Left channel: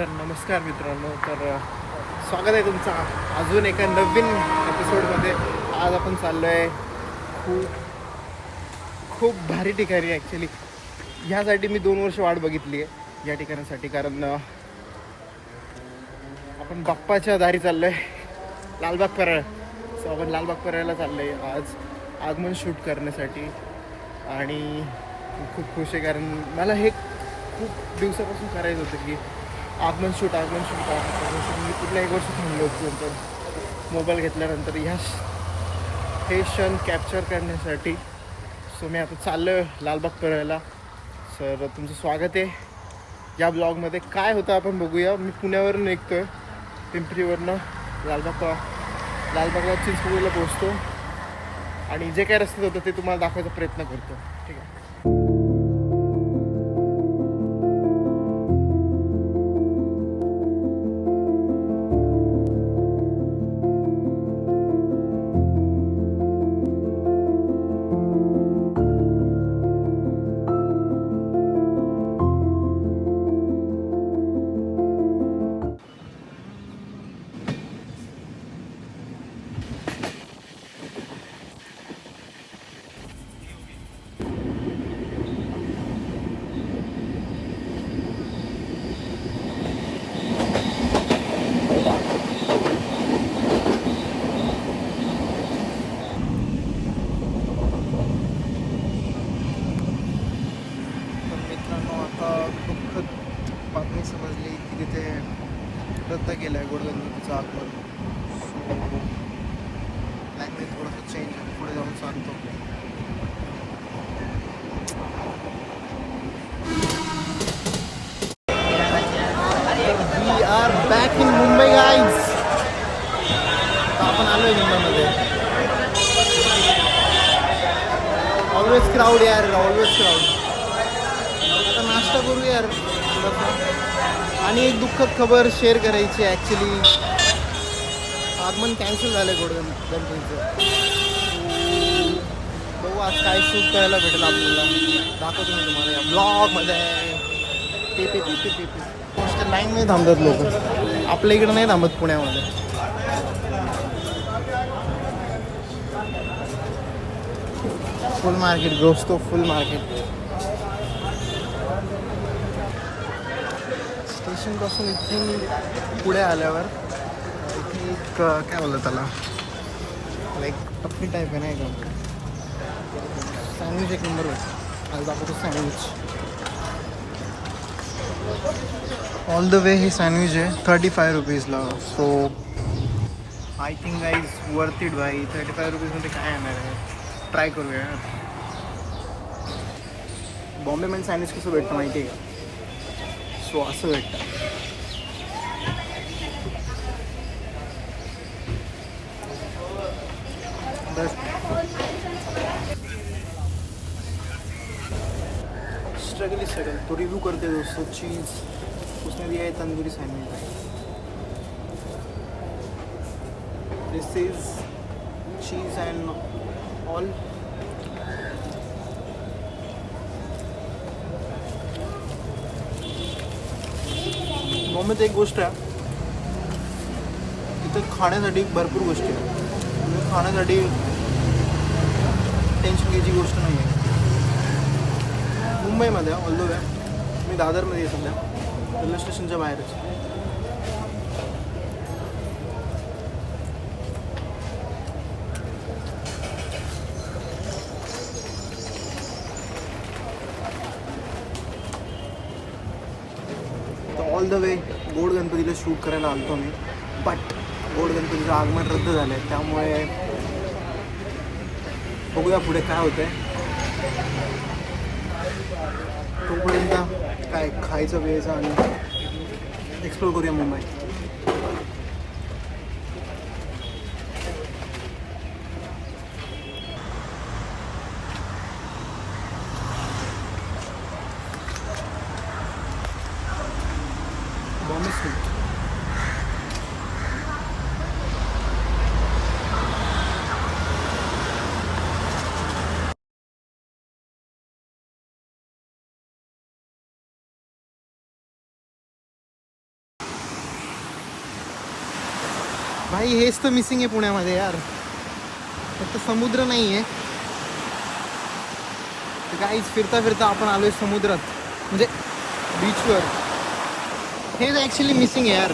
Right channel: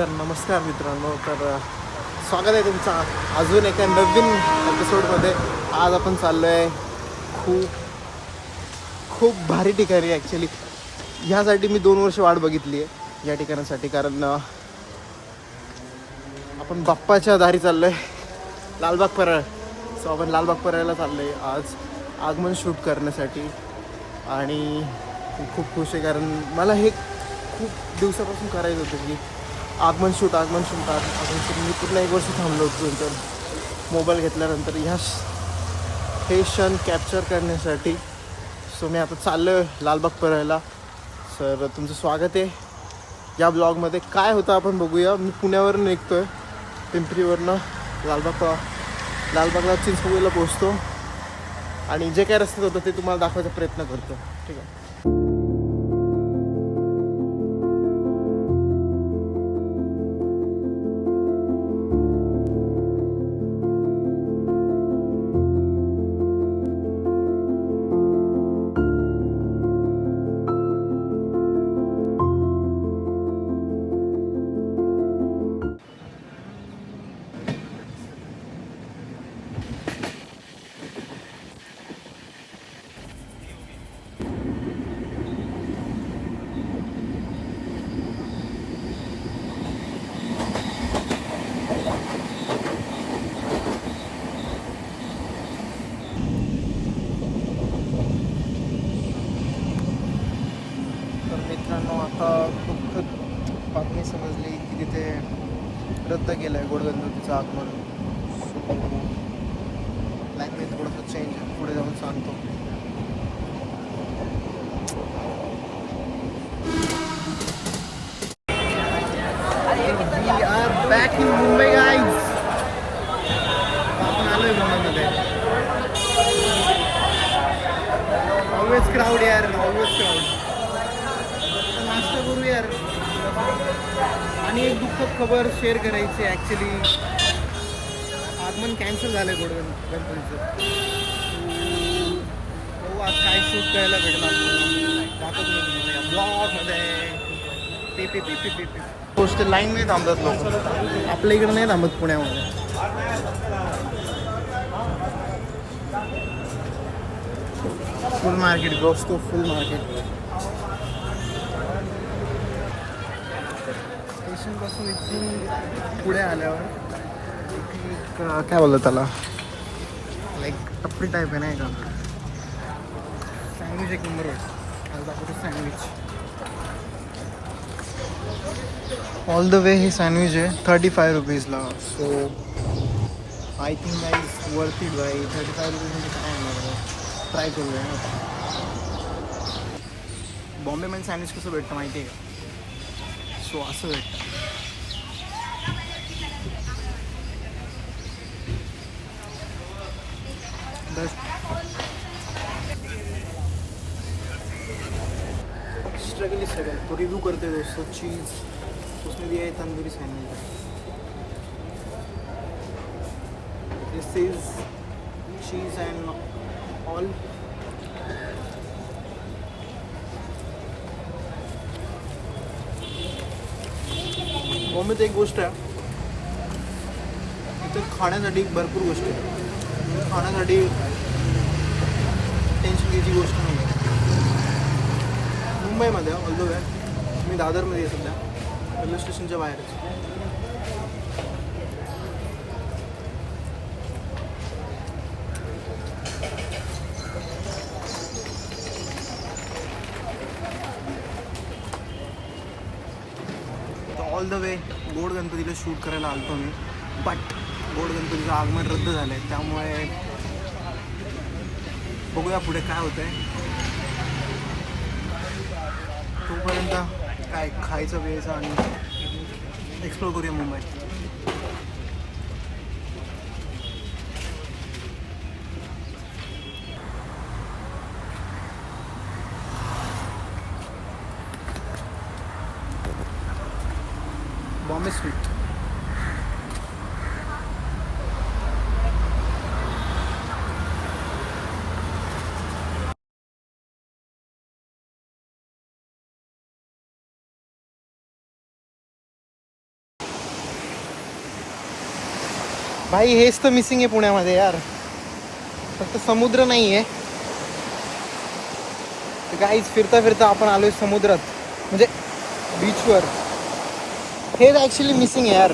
तर नमस्कार मित्रांनो. स्वागत आहे तुमचा अजून एका नवीन एपिसोडमध्ये. आज आपण चाललो आहे खूप खूप भारी ठिकाणी. ॲक्च्युली ह्यासाठी मी 2 वर्ष वाट बघितली आहे या ठिकाणासाठी, कारण आपण बाप्पाच्या दारी चाललो आहे, लालबाग परळ. सो आपण लालबाग परळला चाललो आहे आज आगमन शूट करण्यासाठी. आणि मी खूप खुश आहे, कारण मला हे खूप दिवसापासून करायचं होतं की आगमन शूट. मी पूर्ण 1 वर्ष थांबलो होतो नंतर मोबाईल घेतल्यानंतर हे क्षण कॅप्चर करण्यासाठी. सो मी आता चाललो आहे लालबाग परळला. सर तुमचं स्वागत आहे या ब्लॉगमध्ये. काय होतं आपण बघूया. मी पुण्यावरून निघतो आहे, पिंपरीवरनं लालबागला चिंचपोळीला पोचतो आणि जे काय रस्त्यात होतं ते तुम्हाला दाखवायचा प्रयत्न करतो. ठीक आहे. मित्रांनो, आता दुःखद बातमी समजली की तिथे रद्द केलं आहे गोडगणपतीचं आगमन. लँग्वेज थोडंसं चेंज आहे, पुढे जाऊन सांगतो. तर we are back in Mumbai guys. आपण आलो आहे मुंबईमध्ये. ऑलवेज क्राऊड यार, ऑलवेज क्राऊड. आता नाश्ता करू यार थोडंसं. आणि एक दुःखद खबर शेअर करायची. ॲक्च्युली आगमन कॅन्सल झालं आहे गणपतीचं. बघू आज काय शूट करायला भेटेल आपल्याला, दाखवतो मी तुम्हाला या ब्लॉगमध्ये. गोष्ट लाईनमध्ये थांबत नव्हतं, आपल्या इकडं नाही थांबत पुण्यामध्ये. फुल मार्केट घुसतो, फुल मार्केट. स्टेशनपासून इथून पुढे आल्यावर इथे एक काय बोललं त्याला, लाईक टपरी टाईप आहे नाही का. सँडविच एक नंबर होतं. आज दाखवतो सँडविच. ऑल द वे हे सँडविच आहे 35 रुपीजला. So I think guys worth it बाई. 35 रुपीजमध्ये काय येणार आहे, ट्राय करूया. बॉम्बेमध्ये सँडविच कसं भेटतं माहिती आहे का. सो असं भेटतं. स्ट्रगल तो रिव्यू करते दोस्तों. चीज़ उसमें भी है तंदूरी सैंडविच है. दिस इज चीज़ एंड ऑल. बॉम्बेत एक गोष्ट आहे, तिथं खाण्यासाठी भरपूर गोष्टी आहेत. म्हणजे खाण्यासाठी टेन्शन घ्यायची गोष्ट नाही आहे. मुंबईमध्ये ऑल द वे मी दादरमध्ये आहे सध्या, रेल्वे स्टेशनच्या बाहेरच. ऑल द वे गोड गणपतीला शूट करायला आलतो मी, बट गोड गणपतीचं आगमन रद्द झालं आहे. त्यामुळे बघूया पुढे काय होतं आहे. तोपर्यंत काय खायचं वेळचं आणि एक्सप्लोर करूया मुंबई. बॉम्बे स्ट्रीट. भाई हेच तर मिसिंग आहे पुण्यामध्ये यार, फक्त समुद्र नाही आहे. काहीच फिरता फिरता आपण आलोय समुद्रात, म्हणजे बीचवर. हेच ॲक्च्युली मिसिंग आहे यार.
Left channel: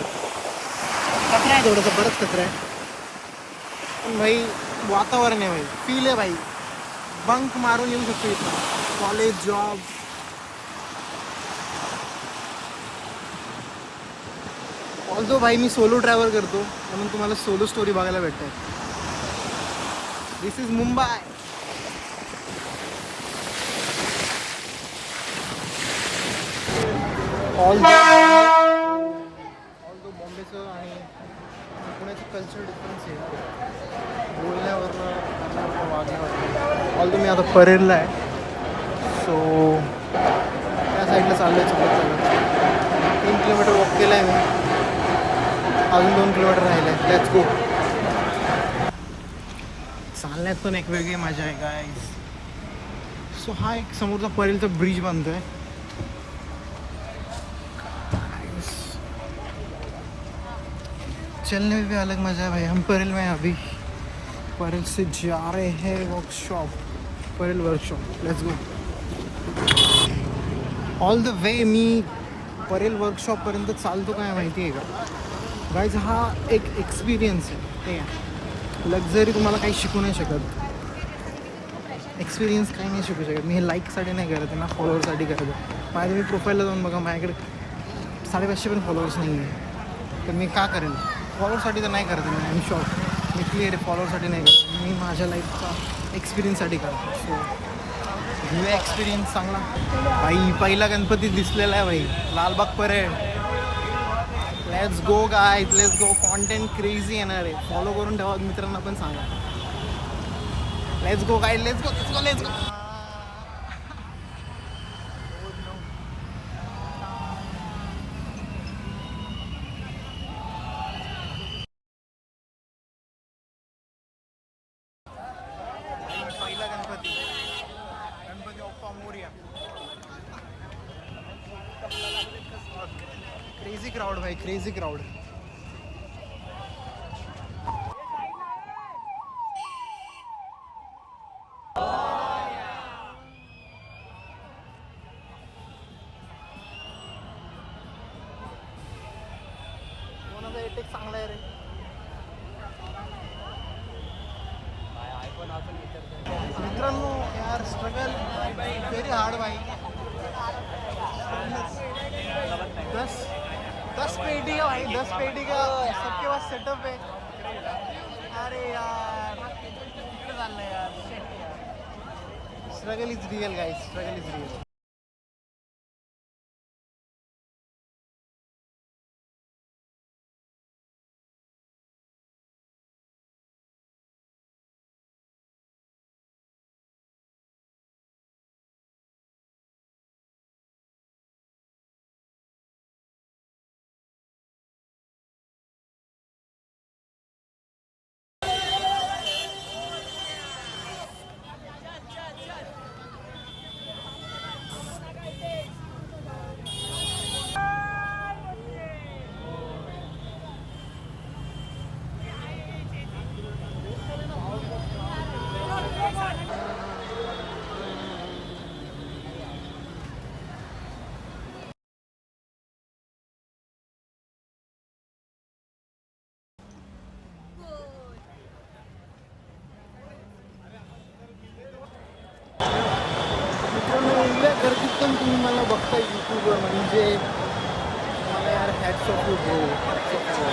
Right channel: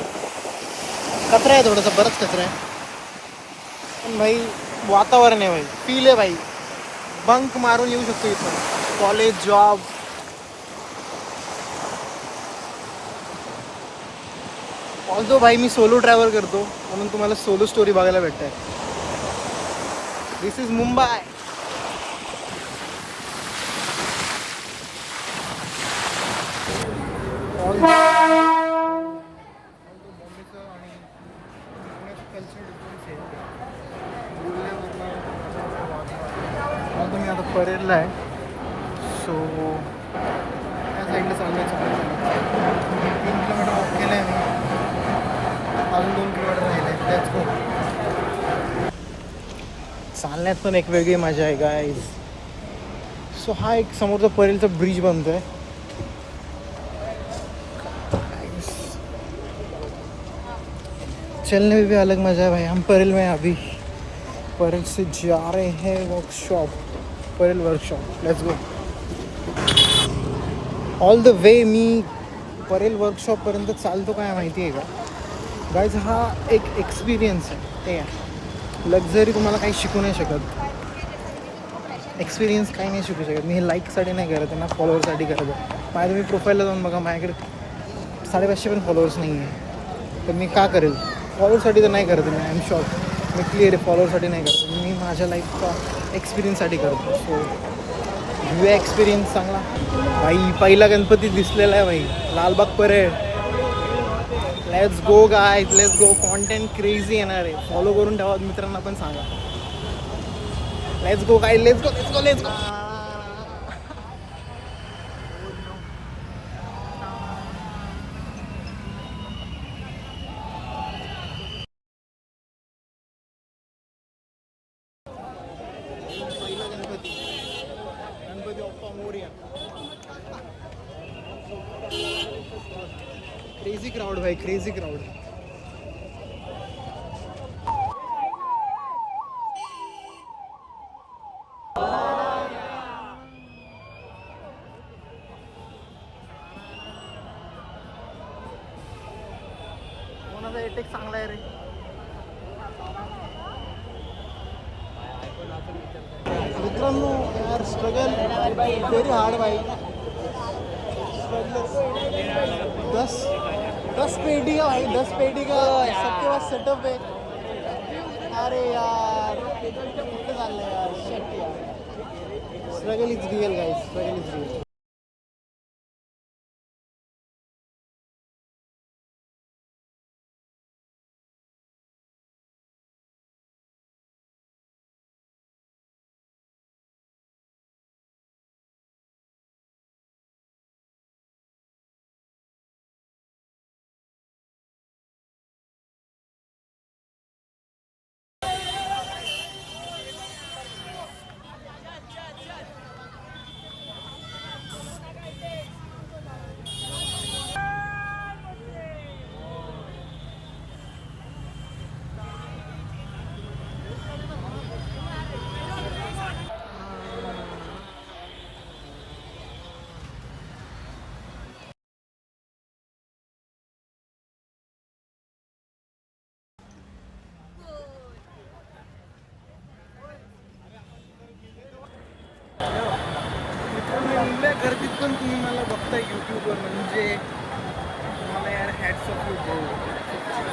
कचरा आहे थोडासा, बराच कचरा आहे. पण भाई वातावरण आहे भाई, फील आहे भाई. बंक मारून येऊ शकतो इथं, कॉलेज, जॉब. ऑल्सो भाई मी सोलो ट्रॅव्हल करतो, म्हणून तुम्हाला सोलो स्टोरी बघायला भेटत. दिस इज मुंबई. ऑल्सो बॉम्बेचं आणि पुण्याचं कल्चर डिफरन्स आहे यार, बोलण्यावरनं. ऑल्सो मी आता परेलला आहे, सो त्या साईडला चाललं आहे. चालत 3 किलोमीटर वॉक केलं आहे मी, अजून 2 किलोमीटर राहिले. Let's go. चालण्यात पण एक वेगळी मजा आहे गाईज. सो हा एक समोरचा परेलचा ब्रिज बनतो आहे. चलने में भी अलग मजा है भाई. हम परेल में अभी परेल से जा रहे हैं workshop, Parel workshop. Let's go. All the way मी परेल वर्कशॉपपर्यंत चालतो काय माहिती आहे का गाईज, हा एक एक्सपिरियन्स आहे. ते लक्झरी तुम्हाला काही शिकू नाही शकत, एक्सपिरियन्स काही नाही शिकू शकत. मी हे लाईकसाठी नाही करत आहे ना, फॉलोअरसाठी करत आहे. माझ्या तुम्ही प्रोफाईलला जाऊन बघा, माझ्याकडे 550 पण फॉलोअर्स नाही आहे. तर मी का करेल? फॉलोअरसाठी तर नाही करत मी. आय एम शुअर, मी क्लिअर आहे, फॉलोअरसाठी नाही करत मी. माझ्या लाईफचा एक्सपिरियन्ससाठी करतो. सो घेऊया एक्सपिरियन्स चांगला. भाई पहिला गणपती दिसलेला आहे भाई, Lalbaug parade. Let's go guys, let's go. Content crazy येणार आहे, फॉलो करून ठेवा, मित्रांना पण सांगा. Let's go guys, let's go, let's go, let's go. पहिला गणपती, गणपती बाप्पा मोरया. क्रेझी क्राऊड भाई, क्रेझी क्राऊड. कोणाचा एटेक चांगला आहे रे. मित्रांनो यार, स्ट्रगल व्हेरी हार्ड भाई. 10 पेटी का भाई, 10 पेटी का सबके पास सेटअप है. अरे यार किती चाललंय यार, शेट यार. Struggle is real guys, struggle is real. मित्रांनो एवढ्या गर्दीत पण तुम्ही मला बघताय यूट्यूबवर, म्हणजे मला यार hats off you bro, hats off you.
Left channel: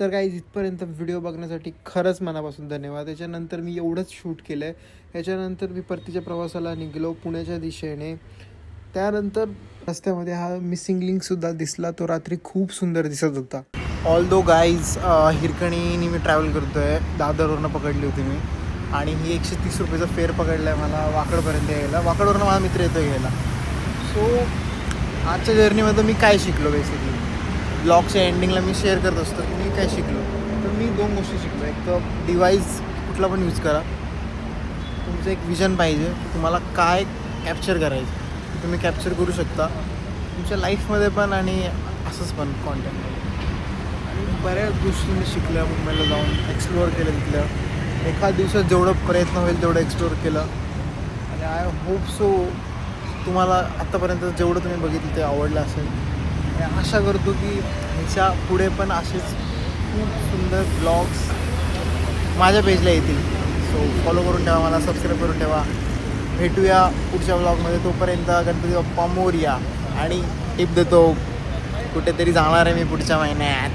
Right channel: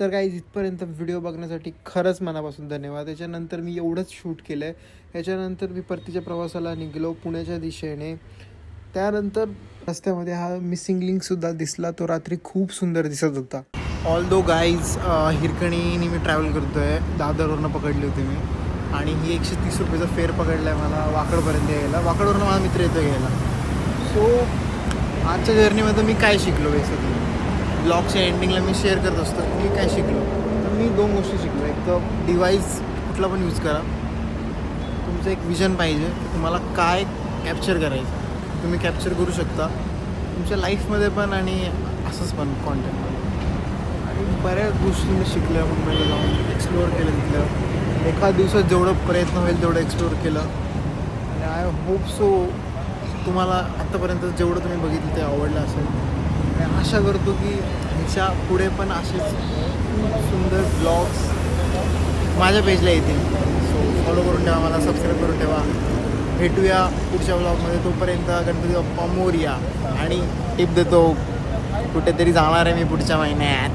तर काही इथपर्यंत व्हिडिओ बघण्यासाठी खरंच मनापासून धन्यवाद. त्याच्यानंतर मी एवढंच शूट केलं आहे. याच्यानंतर मी परतीच्या प्रवासाला निघालो पुण्याच्या दिशेने. त्यानंतर रस्त्यामध्ये हा मिसिंग लिंकसुद्धा दिसला. तो रात्री खूप सुंदर दिसत होता. ऑल दो गाईज हिरकणीने मी ट्रॅव्हल करतो आहे. दादरवरनं पकडली होती मी आणि ही 130 रुपयेचा फेअर पकडला आहे मला वाकडपर्यंत यायला. वाकडवरनं माझा मित्र येतो घ्यायला. सो आजच्या जर्नीमध्ये मी काय शिकलो बेसिकली ब्लॉगच्या एंडिंगला मी शेअर करत असतो की मी काय शिकलो. तर मी 2 गोष्टी शिकलो. एक तर डिव्हाइस कुठला पण यूज करा, तुमचं एक विजन पाहिजे की तुम्हाला काय कॅप्चर करायचं तुम्ही कॅप्चर करू शकता तुमच्या लाईफमध्ये पण आणि असंच पण कॉन्टेंटमध्ये. आणि बऱ्याच गोष्टी मी शिकल्या मुंबईला जाऊन एक्सप्लोअर केलं तिथलं. एका दिवसात जेवढं प्रयत्न होईल तेवढं एक्सप्लोअर केलं आणि आय होप सो तुम्हाला आत्तापर्यंत जेवढं तुम्ही बघितलं ते आवडलं असेल. आणि आशा करतो की ह्याच्या पुढे पण असेच खूप सुंदर ब्लॉग्स माझ्या पेजला येतील. सो फॉलो करून ठेवा मला, सबस्क्राईब करून ठेवा. भेटूया पुढच्या ब्लॉगमध्ये. तोपर्यंत गणपती बाप्पा मोरया. आणि टिप देतो कुठेतरी जाणार आहे मी पुढच्या महिन्यात.